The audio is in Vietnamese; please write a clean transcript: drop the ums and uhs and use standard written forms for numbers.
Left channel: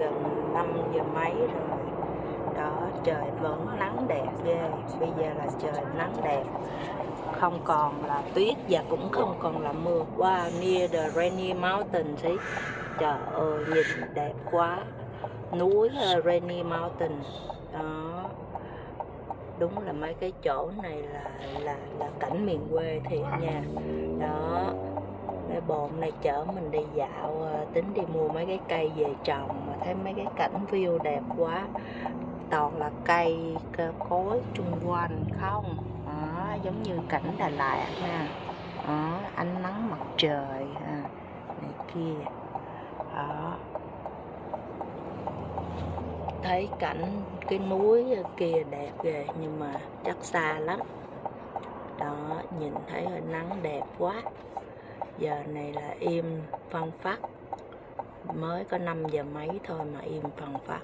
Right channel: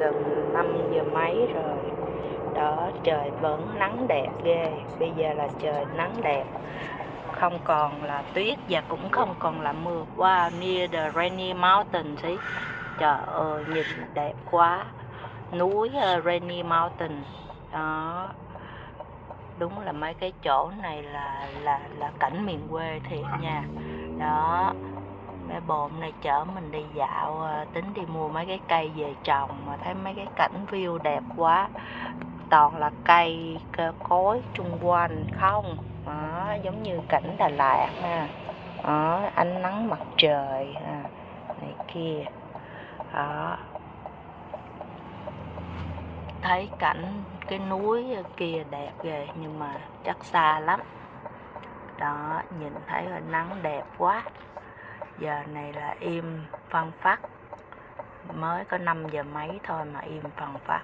Gần 5 giờ mấy rồi. Đó, trời vẫn nắng đẹp ghê. Bây giờ là trời nắng đẹp, không còn là tuyết và cũng không còn là mưa. Wow, near the Rainy Mountain see. Trời ơi, nhìn đẹp quá. Núi Rainy Mountain. Đó. Đúng là mấy cái chỗ này là cảnh miền quê thiệt nha. Đó. Cái bồn này chở mình đi dạo, tính đi mua mấy cái cây về trồng, mà thấy mấy cái cảnh view đẹp quá, toàn là cây cối chung quanh không. Đó, giống như cảnh Đà Lạt ha. Đó, ánh nắng mặt trời này kia. Đó, thấy cảnh cái núi kia đẹp ghê, nhưng mà chắc xa lắm. Đó, nhìn thấy hơi nắng đẹp quá. Giờ này là im phăng phắc, mới có 5 giờ mấy thôi mà im phăng phắc.